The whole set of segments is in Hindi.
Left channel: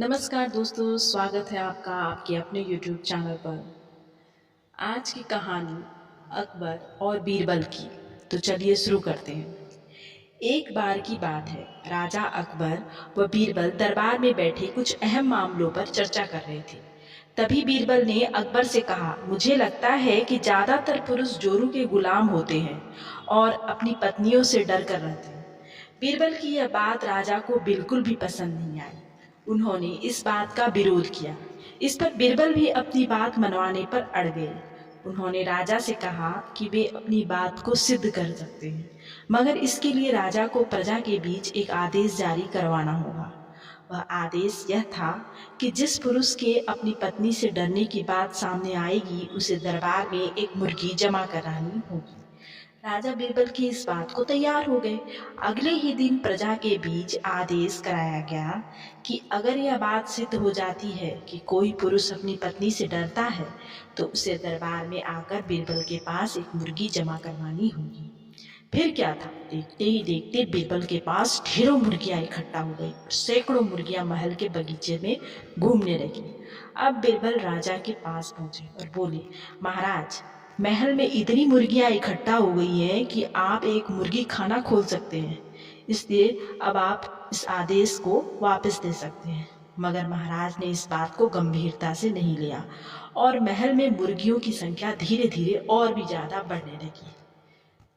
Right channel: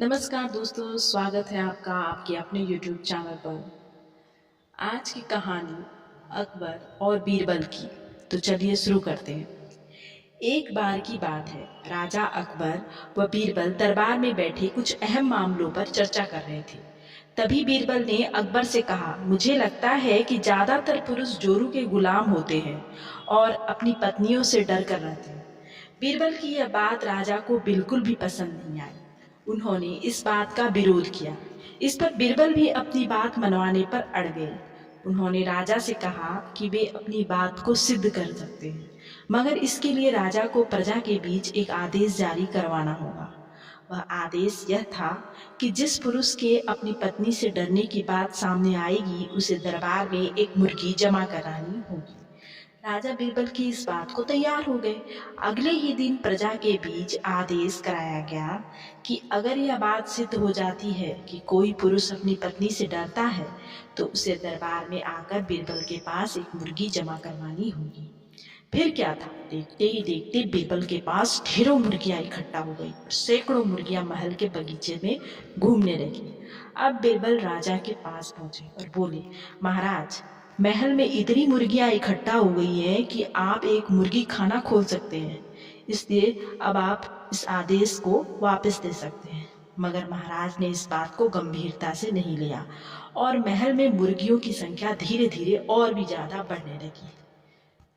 नमस्कार दोस्तों, स्वागत है आपका आपके अपने YouTube चैनल पर। आज की कहानी अकबर और बीरबल की। तो चलिए शुरू करते हैं। एक बार की बात है, राजा अकबर व बीरबल दरबार में बैठे कुछ अहम मामलों पर चर्चा कर रहे थे। तभी बीरबल ने अकबर से कहा, मुझे लगता है कि ज़्यादातर पुरुष जोरू के गुलाम होते हैं और अपनी पत्नियों से डर कर रहते हैं। बीरबल की यह बात राजा को बिल्कुल भी पसंद नहीं आई। उन्होंने इस बात का विरोध किया। इस पर बीरबल भी अपनी बात मनवाने पर अड़ गए। उन्होंने राजा से कहा कि वे अपनी बात को सिद्ध कर सकते हैं, मगर इसके लिए राजा को प्रजा के बीच एक आदेश जारी करवाना होगा। वह आदेश यह था कि जिस पुरुष के अपनी पत्नी से डरने की बात सामने आएगी, उसे दरबार में एक मुर्गी जमा करानी होगी। राजा बीरबल की इस बात को तैयार हो गए। अगले ही दिन प्रजा के बीच आदेश कराया गया कि अगर यह बात सिद्ध हो जाती है कि कोई पुरुष अपनी पत्नी से डरता है, तो उसे दरबार में आकर बीरबल के पास एक मुर्गी जमा करवानी होगी। फिर क्या था, देखते ही देखते बीरबल के पास ढेरों मुर्गियां इकट्ठा हो गई और सैकड़ों मुर्गियां महल के बगीचे में घूमने लगी। अब बीरबल राजा के पास पहुंचे और बोले, महाराज, महल में इतनी मुर्गियां इकट्ठा हो गई हैं कि आप एक मुर्गी खाना खोल सकते हैं, इसलिए अब आप इस आदेश को वापस दे सकते हैं। मगर महाराज ने इस बात को गंभीरता से नहीं लिया और महल में मुर्गियों की संख्या धीरे धीरे और भी ज़्यादा बढ़ने लगी।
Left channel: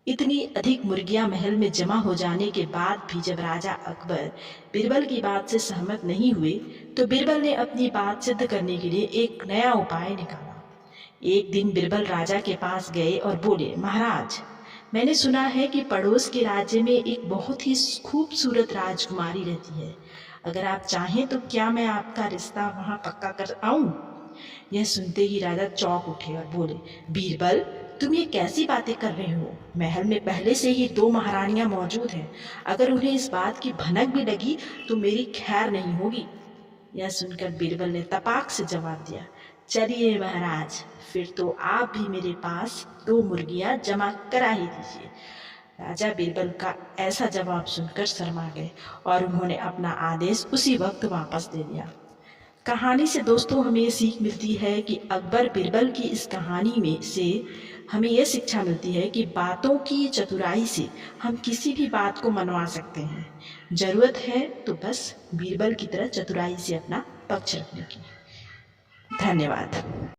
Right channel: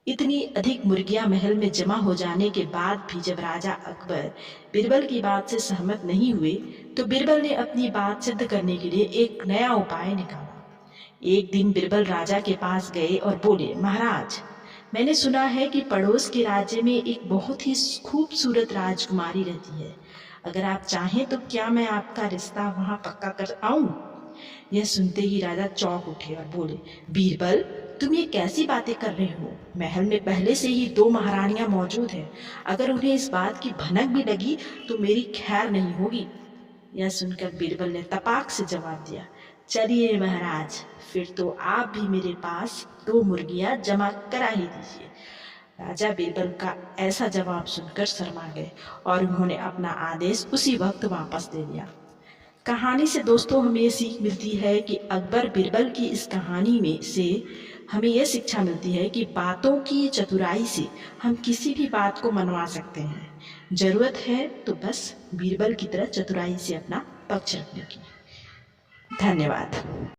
इतनी अधिक मुर्गियां महल में जमा हो जाने के बाद भी जब राजा अकबर बीरबल की बात से सहमत नहीं हुए, तो बीरबल ने अपनी बात सिद्ध करने के लिए एक नया उपाय निकाला। एक दिन बीरबल राजा के पास गए और बोले, महाराज, मैंने सुना है कि पड़ोस के राज्य में एक बहुत ही खूबसूरत राजकुमारी रहती है। अगर आप चाहें तो क्या मैं आपका रिश्ता वहां पक्का कर आऊं? यह सुनते ही राजा चौंक उठे और बोले, बीरबल, तुम ये कैसी बातें कर रहे हो? महल में पहले से ही 2 महारानियां मौजूद हैं। अगर उन्हें इस बात की भनक भी लगी तो मेरी खैर नहीं होगी। यह सुनकर बीरबल ने तपाक से जवाब दिया, चलिए महाराज, फिर तो आप भी मेरे पास 2 मुर्गियां जमा करा ही दीजिए। राजा बीरबल का ऐसा जवाब सुनकर शर्मा गए और उन्होंने अपना आदेश उसी वक्त वापस दे दिया। कहानी से दोस्तों हमें ये सीख मिलती है कि अकबर बीरबल की इस कहानी में से हमें यह शिक्षा मिलती है कि बातों की चतुराई से हम किसी भी बात को मनवा सकते हैं। ज़रूरत है तो बस बीरबल की तरह चतुराई से अपना पक्ष रखने की। धन्यवाद।